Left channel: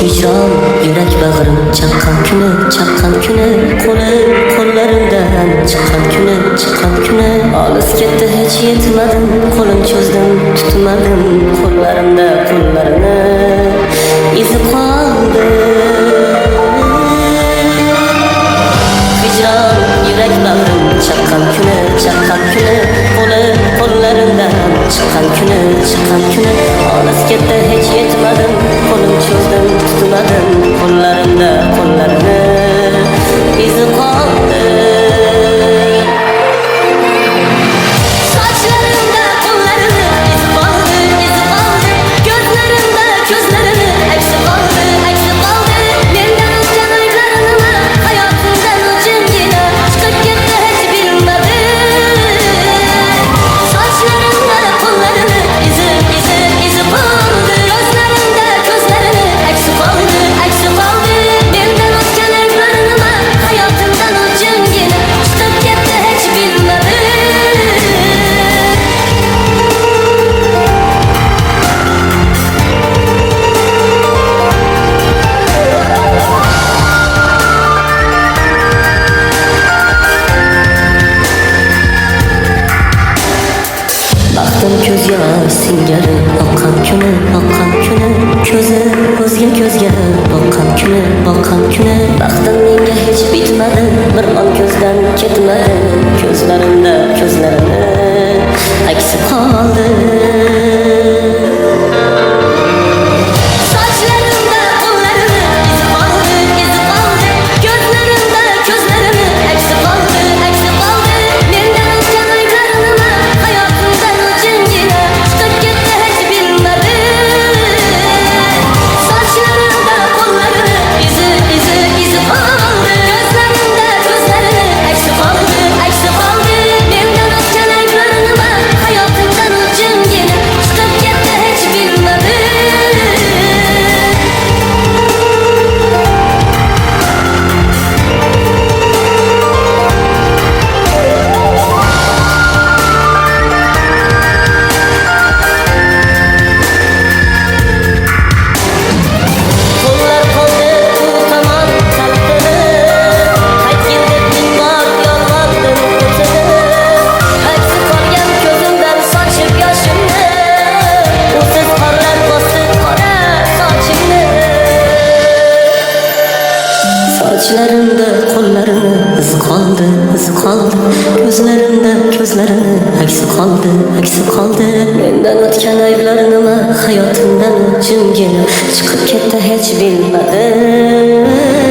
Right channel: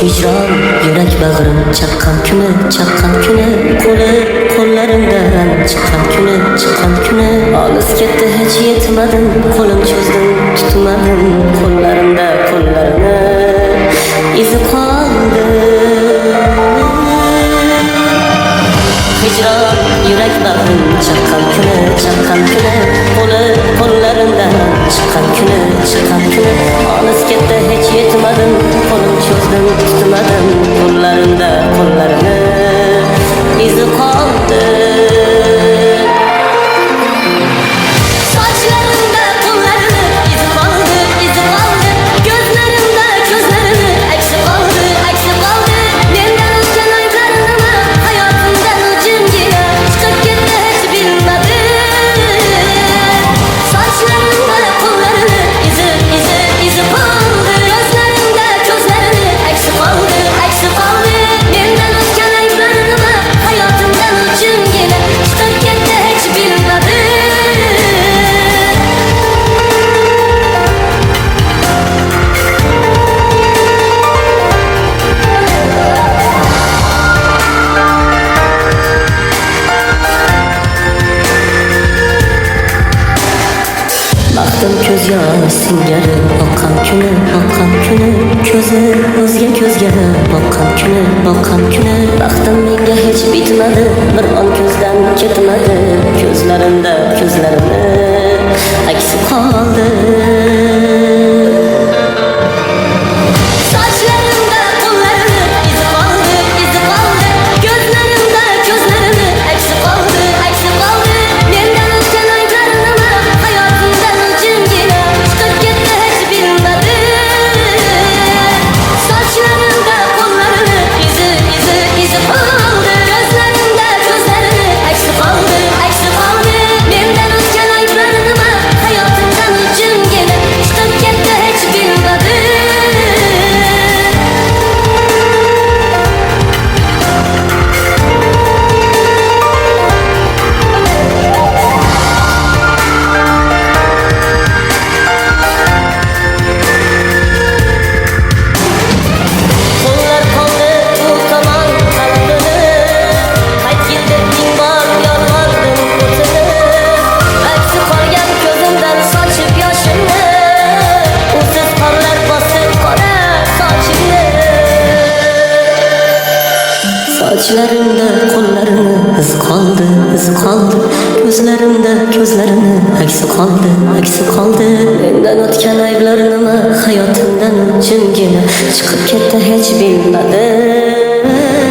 hicron yurak bag'rim chaqqan kuni qo'llarimdan chiqqan kuni olis ketdi hech yetmadim qo'lim cho'zdim tutmadim qo'llarini izi qoldi hicron yurak bag'rim chaqqan kuni qo'llarimdan chiqqan kuni olis ketdi hech yetmadim qo'lim cho'zdim tutmadim qo'llarini izi qoldi sochlarimda qo'llarini izi qoldi ko'zlarini aksi qoldi mendan o'tgan ayblarim nima hayotimdan u jimgina chiqib ketdi hech bilmadim sochlarimda qo'llarini izi qoldi ko'zlarini aksi qoldi mendan o'tgan ayblarim nima hayotimdan u jimgina chiqib ketdi hech bilmadim baxtim ko'z yosh singari oqqan kuni ko'zi o'zga ko'zga boqqan kuni baxtim menga hech bitmadi bir on ko'zdan ketmadi ko'zlarini aksi qoldi sochlarimda qo'llarini izi qoldi ko'zlarini aksi qoldi mendan o'tgan ayblarim nima hayotimdan u jimgina chiqib ketdi hech bilmadim sochlarimda qo'llarini izi qoldi ko'zlarini aksi qoldi mendan o'tgan ayblarim nima hayotimdan u jimgina chiqib ketdi hech bilmadim qo'llar qoldi u tomon talpinib qaytgil deb ming bor yolvordim o'tinib aksi qolgan ko'zimdan sochib yoshimni usiz qorlar bosdi qora sochimni sochlarimda qo'llarini izi qoldi ko'zlarini aksi qoldi mendan o'tgan ayblar nima hayotimdan u jimgina chiqib ketdi hech bilmadim